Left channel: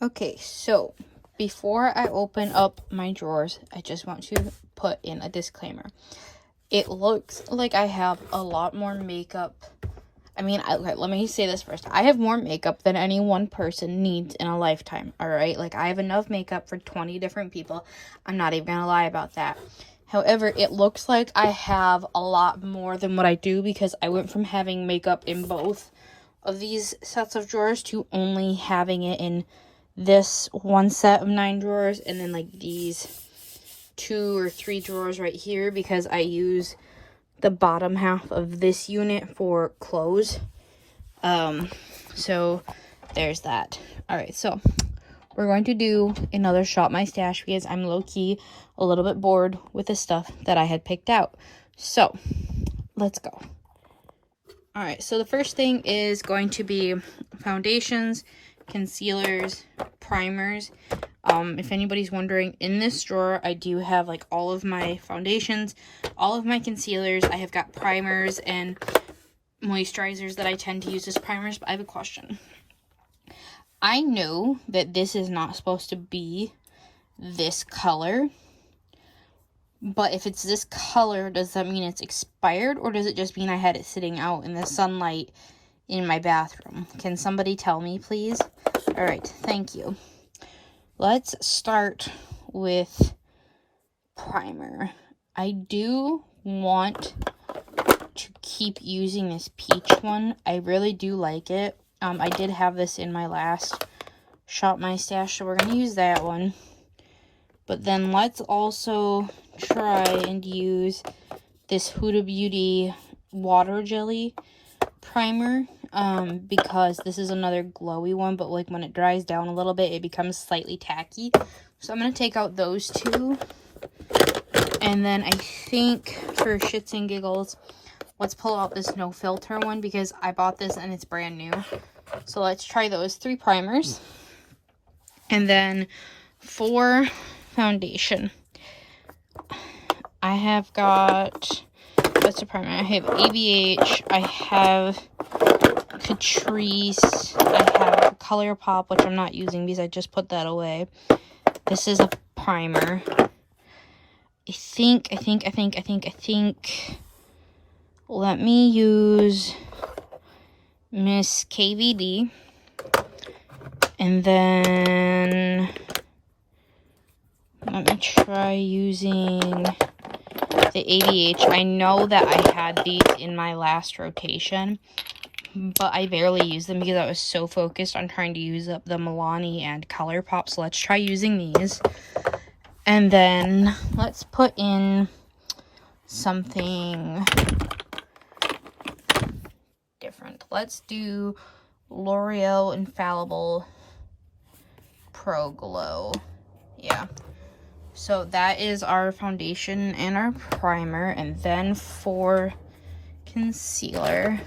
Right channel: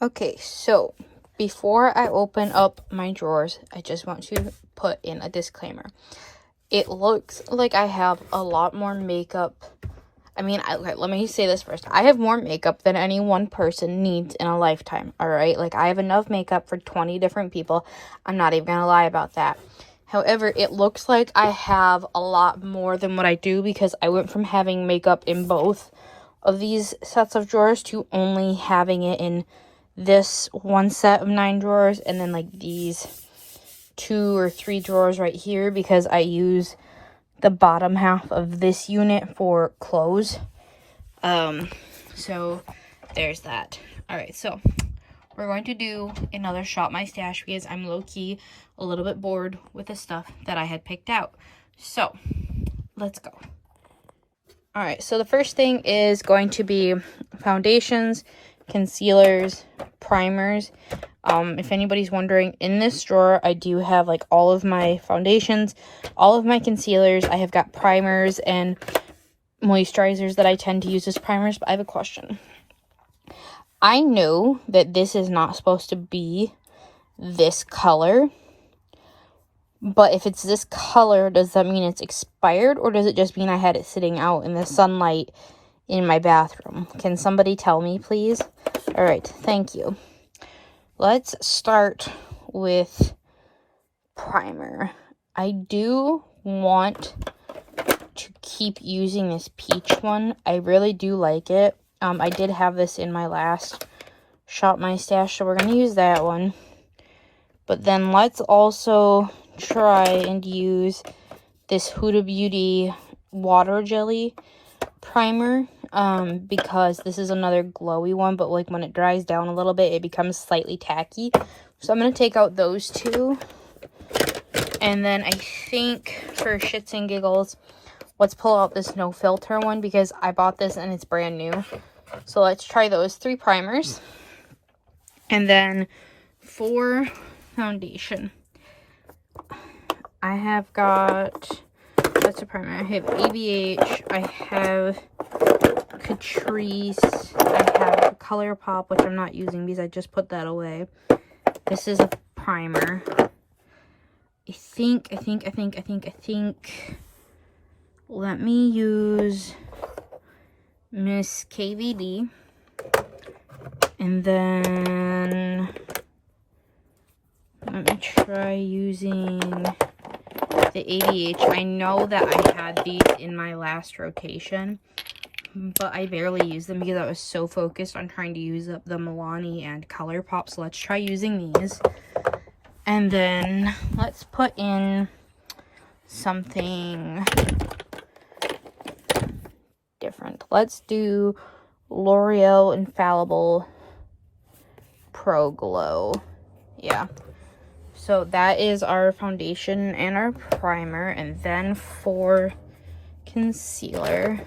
Okay, so before I open up my drawers, I just want to put in a disclaimer. It looks like I have a lot more makeup. I mean, okay, let me say this first. I have more makeup than any one person needs in a lifetime, all right? Like, I have enough makeup for 20 different people. I'm not even gonna lie about that. However, it looks like I have a lot more than what I do because I went from having makeup in both of these sets of drawers to only having it in this one set of 9 drawers and then like these 2 or 3 drawers right here because I use the bottom half of this unit for clothes. So there's that. All right, so we're going to do another Shop My Stash because I'm low-key a little bit bored with the stuff that I had picked out. So let's go. All right, so the first thing is going to be foundations, concealers, primers. If anybody's wondering, in this drawer I do have like all of my foundations, all of my concealers. I have got primers and moisturizers that I tend to use as primers. But I have a question. I know that this is not supposed to be this color, but if it's this color, does that mean it's expired, or does it just mean I had it sitting out in the sunlight in my bathroom? Can somebody tell me, please? All right, thank you. Let's start with primer. I do want to keep using this peach one. I really do like it. I did have this in my last Shop My Stash, so we're going to use that one. But then let's also try and use this Huda Beauty water jelly primer, because this is another glowy one, but like when it dries down a little bit, it becomes slightly tacky. So I'm going to take out those two. And then I think for shits and giggles, let's pull out this no filter one because I bought this and it's brand new. So let's try those 3 primers. And then for foundation, I have got, that's a primer, I have ABH, I have Catrice, I have ColourPop, which I'm not using because I just put that away. This is a primer. I think, let me use Miss KVD. And then let me try using the ABH. I know that I had these in my last rotation, but I barely used them because I was so focused on trying to use up the Milani and ColourPop. So let's try using these. And then let's put in something different. Let's do L'Oreal Infallible Pro Glow. Yeah. So that is our foundation and our primer. And then for concealer,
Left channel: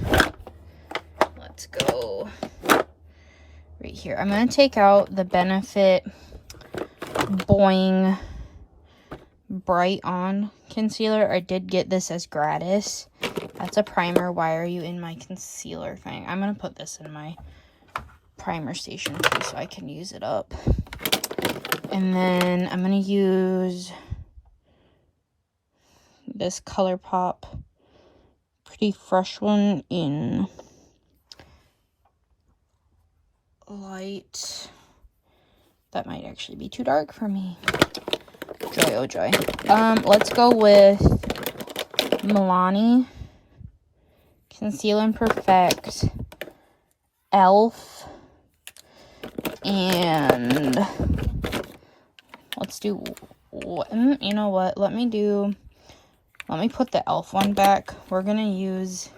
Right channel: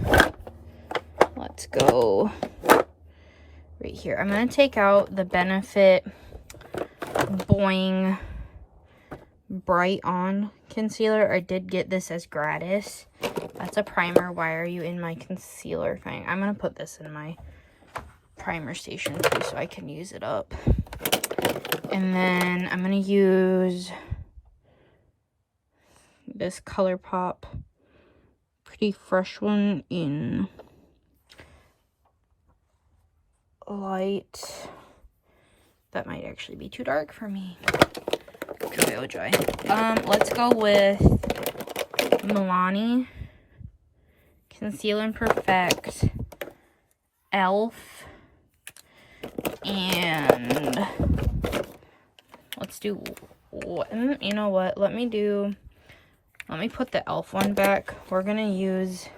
let's go right here. I'm going to take out the Benefit Boing Bright On concealer. I did get this as gratis. That's a primer. Why are you in my concealer thing? I'm going to put this in my primer station too so I can use it up. And then I'm going to use this ColourPop Pretty Fresh one in light. That might actually be too dark for me. Joy, oh joy. Let's go with Milani Conceal and Perfect, e.l.f., and let's do, you know what, let me put the e.l.f. one back. We're gonna use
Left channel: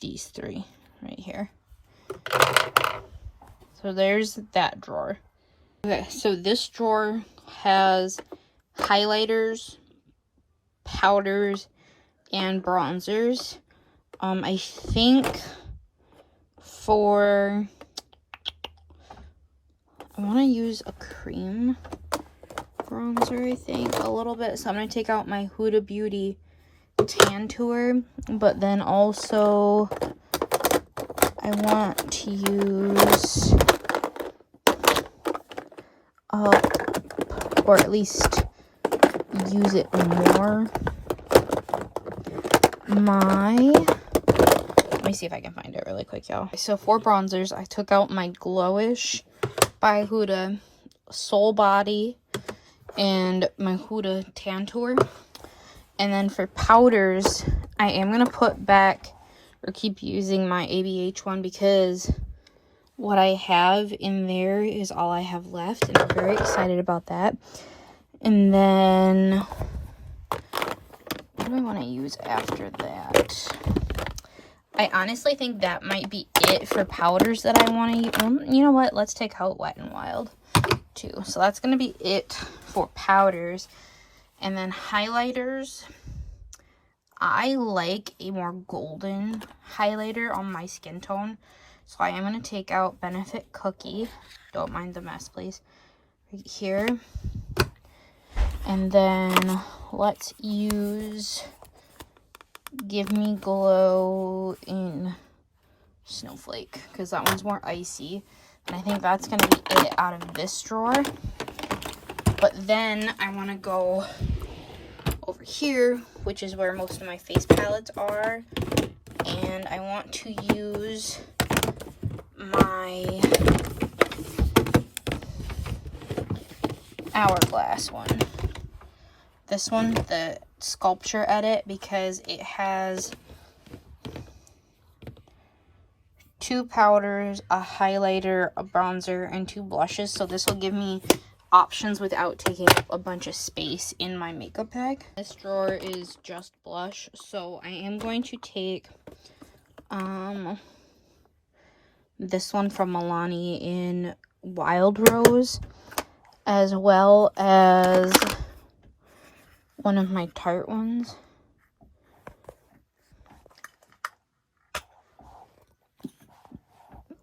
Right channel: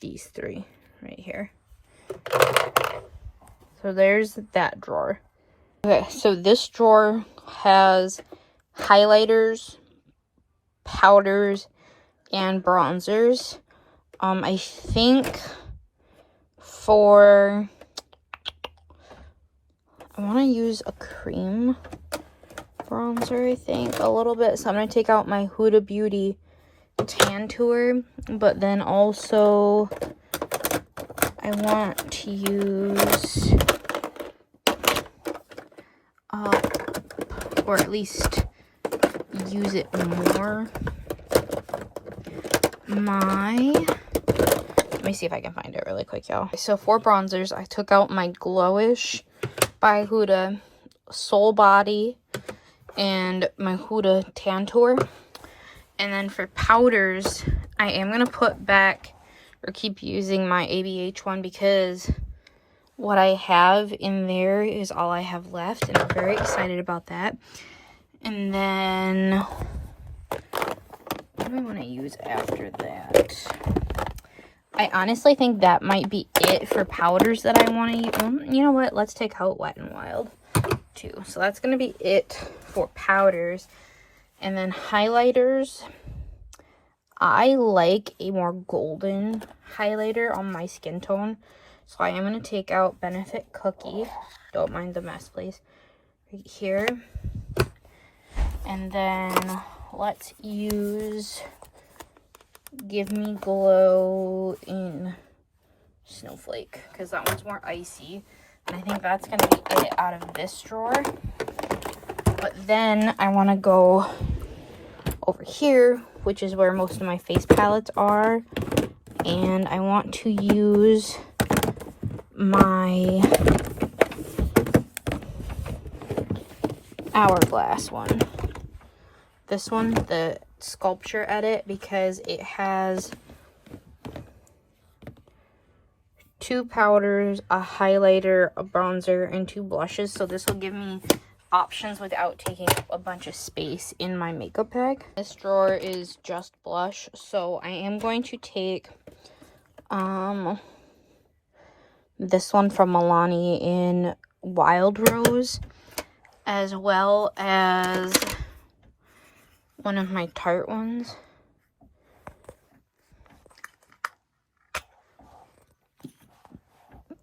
these 3 right here. So there's that drawer. Okay, so this drawer has highlighters, powders, and bronzers. I think for, I want to use a cream bronzer, I think, a little bit. So I'm going to take out my Huda Beauty Tan Tour, but then also I want to use, or at least use it more, let me see if I can find it really quick, y'all. So for bronzers, I took out my Glowish by Huda Soul Body and my Huda Tantour. And then for powders, I am going to put back or keep using my ABH one because what I have in there is all I have left. And I'm very excited about that. And then what do I want to use after that? I honestly think that might be it for powders that I want to use. You know what? Let's take out Wet n Wild too. So that's going to be it for powders. And then highlighters. I like a more golden highlighter on my skin tone. So I am going to take out Benefit Cookie. Don't mind the mess, please. Right here. And then let's use Give Me Glow in Snowflake, because that one's more icy. And I think that's going to be it out of this drawer. But then I want to go over here, which is where most of my face palettes are. And I want to use my Hourglass one. This one, the Sculpture Edit, because it has 2 powders, a highlighter, a bronzer, and 2 blushes. So this will give me options without taking up a bunch of space in my makeup bag. This drawer is just blush, so I am going to take this one from Milani in Wild Rose, as well as one of my Tarte ones.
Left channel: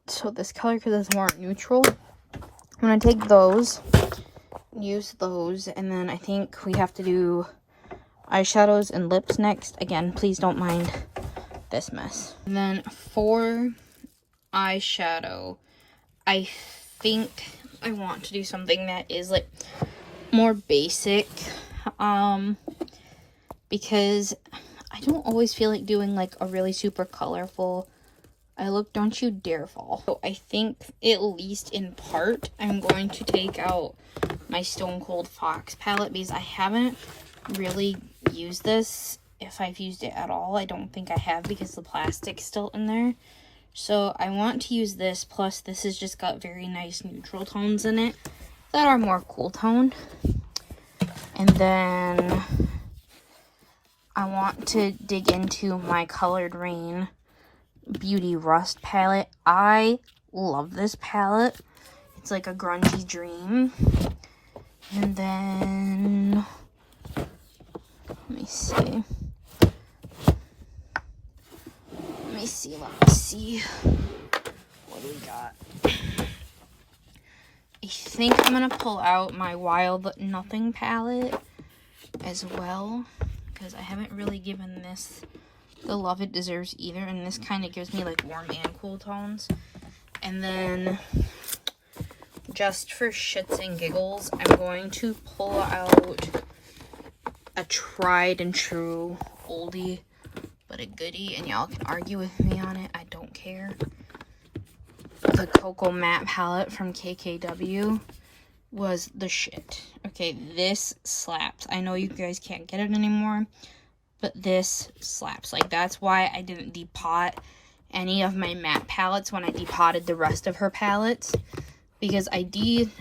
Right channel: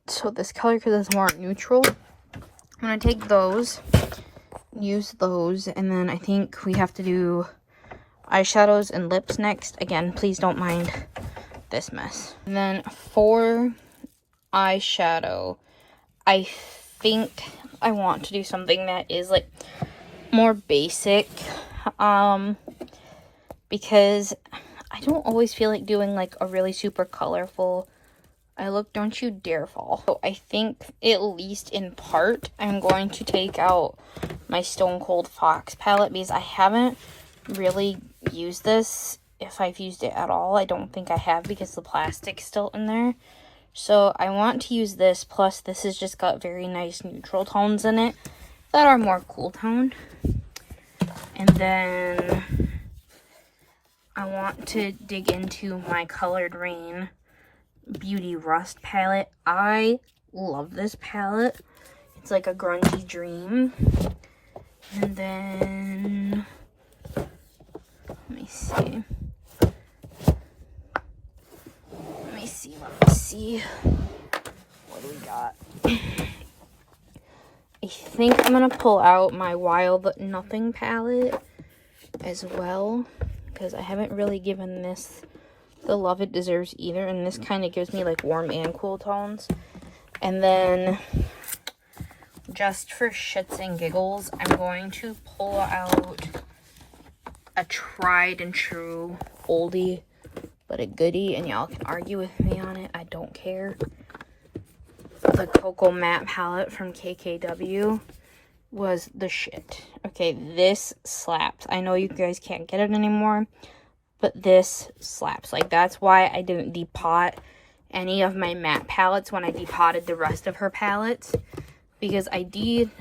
So this color, because it's more neutral, I'm going to take those, use those, and then I think we have to do eyeshadows and lips next. Again, please don't mind this mess. And then for eyeshadow, I think I want to do something that is like more basic, because I don't always feel like doing like a really super colorful eye look. Don't you dare fall. So I think, at least in part, I'm going to take out my Stone Cold Fox palette, because I haven't really used this. If I've used it at all, I don't think I have, because the plastic's still in there. So I want to use this, plus this has just got very nice neutral tones in it that are more cool toned. And then I want to dig into my Colored Rain Beauty Rust palette. I love this palette. It's like a grungy dream. And then, let me see. What do we got? I think I'm going to pull out my Wild Nothing palette as well, because I haven't really given this the love it deserves either, and this kind of gives me like warm and cool tones. And then, just for shits and giggles, I'm going to pull out a tried and true oldie but a goodie, and y'all can argue with me on it, I don't care. The Cocoa Matte palette from KKW was the shit. Okay, this slaps. I know you guys can't get it anymore, but this slaps. Like, that's why I didn't depot any of my matte palettes when I depotted the rest of her palettes, because I did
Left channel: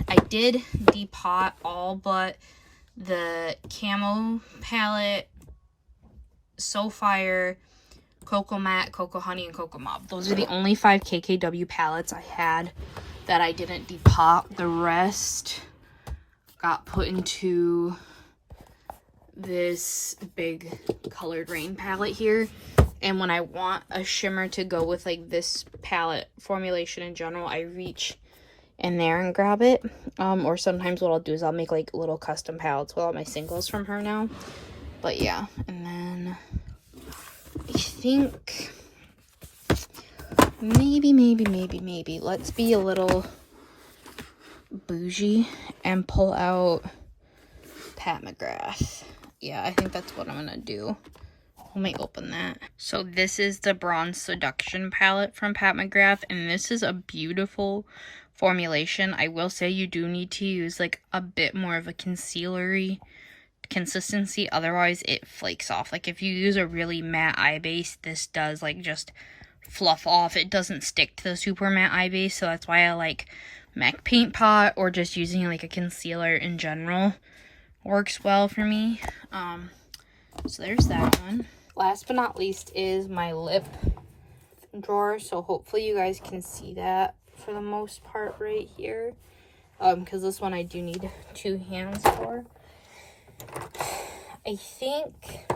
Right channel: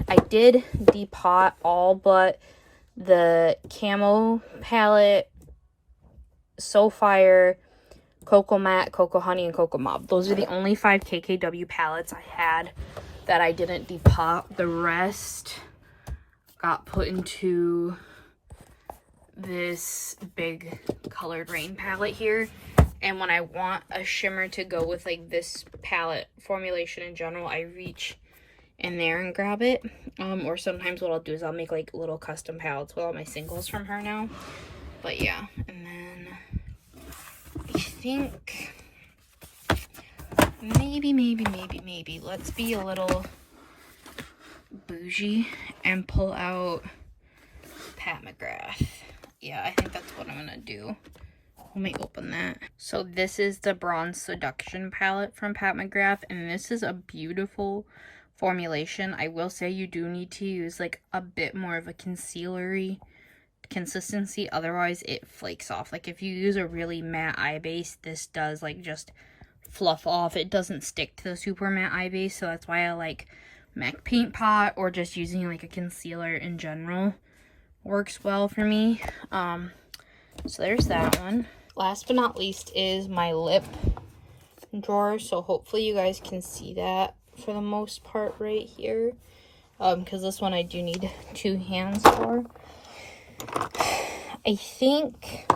depot all but the Camo palette, So Fire, Cocoa Matte, Cocoa Honey, and Cocoa Mauve. Those are the only 5 KKW palettes I had that I didn't depot. The rest got put into this big Colored Rain palette here. And when I want a shimmer to go with like this palette formulation in general, I reach in there and grab it. Or sometimes what I'll do is I'll make like little custom palettes with all my singles from her now. But yeah, and then I think maybe. Let's be a little bougie and pull out Pat McGrath. Yeah, I think that's what I'm gonna do. Let me open that. So this is the Bronze Seduction palette from Pat McGrath, and this is a beautiful formulation. I will say you do need to use like a bit more of a concealery consistency, otherwise it flakes off. Like if you use a really matte eye base, this does like just fluff off. It doesn't stick to the super matte eye base, so that's why I like MAC Paint Pot, or just using like a concealer in general works well for me. So there's that one. Last but not least is my lip drawer, so hopefully you guys can see that for the most part right here, because this one I do need 2 hands for. I think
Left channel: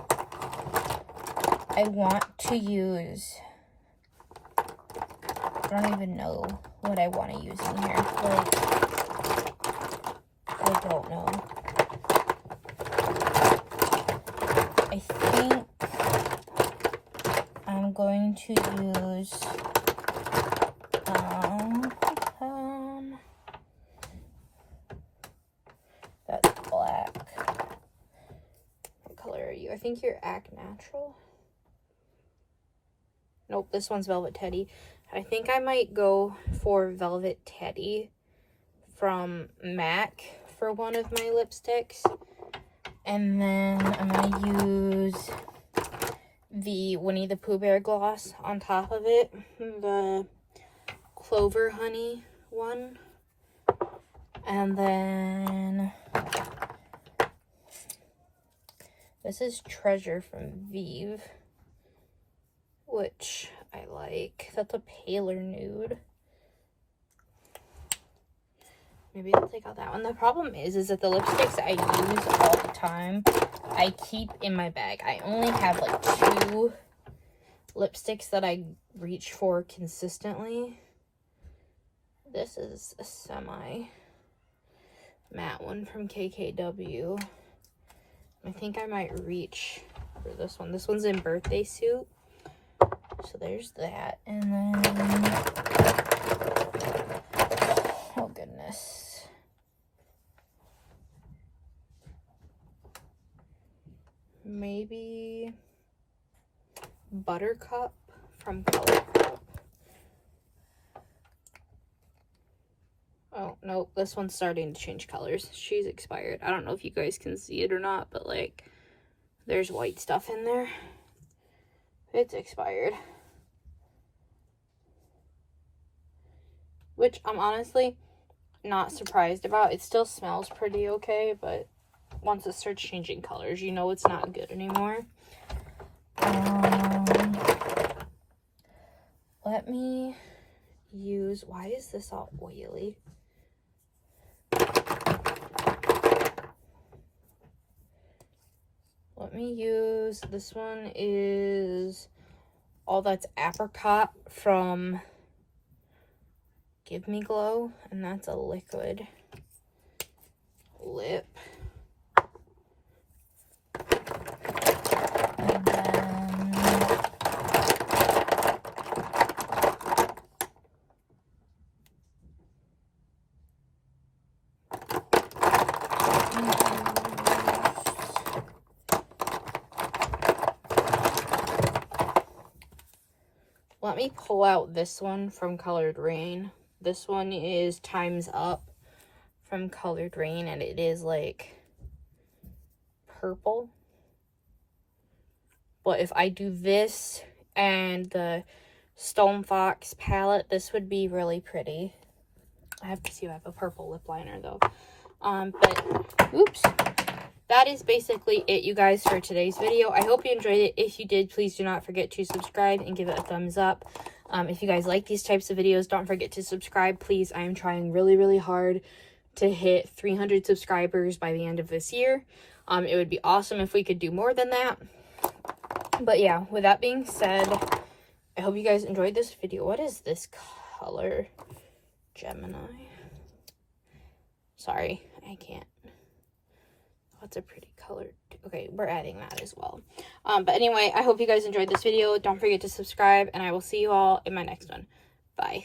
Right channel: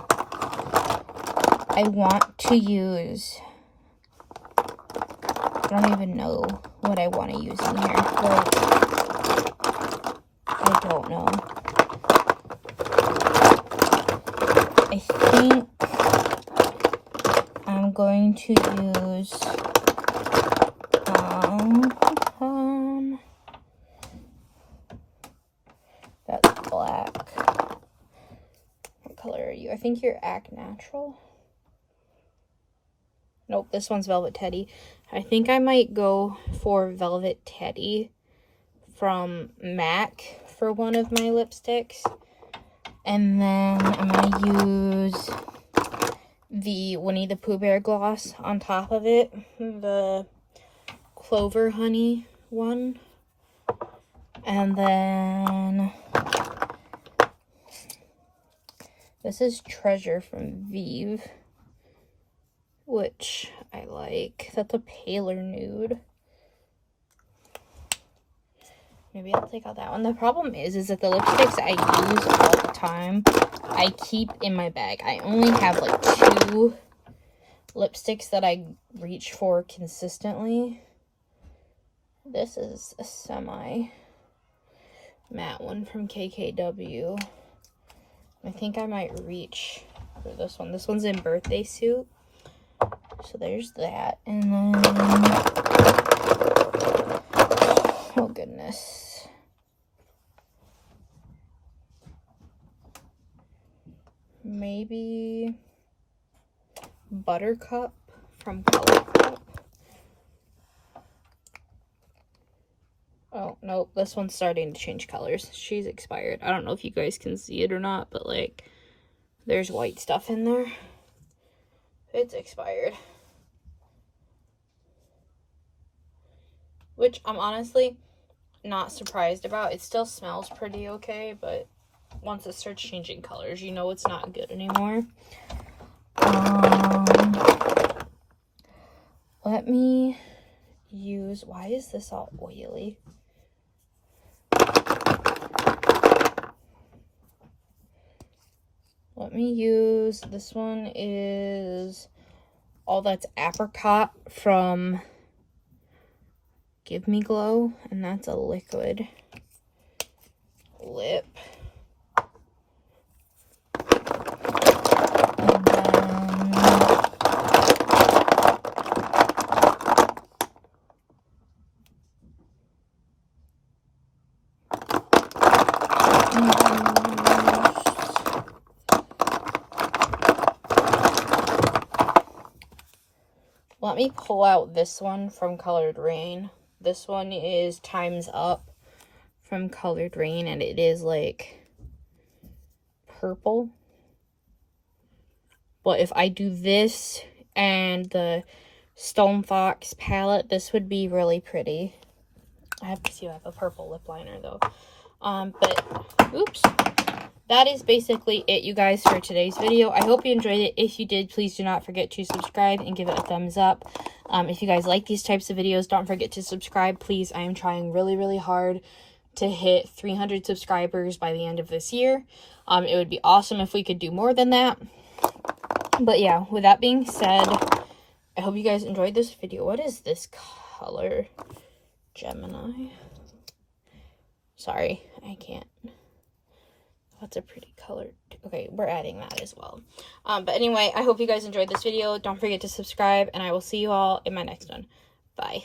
I want to use, I don't even know what I want to use in here. Like, I don't know. I think I'm going to use, that's black. What color are you? I think you're Act Natural. Nope, this one's Velvet Teddy. I think I might go for Velvet Teddy from MAC for one of my lipsticks. And then I'm going to use the Winnie the Pooh Bear gloss on top of it. The Clover Honey one. And then this is Treasure from Vive, which I like. That's a paler nude. Maybe I'll take out that one. The problem is that the lipsticks I use all the time, I keep in my bag. I only have like 2 lipsticks that I reach for consistently. This is a semi matte one from KKW. I think I might reach for this one. This one's in Birthday Suit. So there's that. And then, oh goodness. Maybe Buttercup from ColourPop. Oh, nope, this one's starting to change colors. She's expired. I don't know if you guys can see it or not, but like, there's white stuff in there. It's expired. Which I'm honestly not surprised about. It still smells pretty okay, but once it starts changing colors, you know it's not good anymore. Let me use, why is this all oily? Let me use, this one is All That's Apricot from Give Me Glow, and that's a liquid lip. Let me pull out this one from Colored Rain. This one is Time's Up from Colored Rain, and it is like purple. But if I do this and the Stone Fox palette, this would be really pretty. I have to see if I have a purple lip liner though. But oops. That is basically it, you guys, for today's video. I hope you enjoyed it. If you did, please do not forget to subscribe and give it a thumbs up. If you guys like these types of videos, don't forget to subscribe, please. I am trying really, really hard to hit 300 subscribers by the end of this year. It would be awesome if we could do more than that. But yeah, with that being said, I hope you guys enjoyed this video. What is this color? Gemini. Sorry, I can't. That's a pretty color. Okay, we're adding that as well. But anyway, I hope you guys enjoyed this video. Don't forget to subscribe, and I will see you all in my next one. Bye.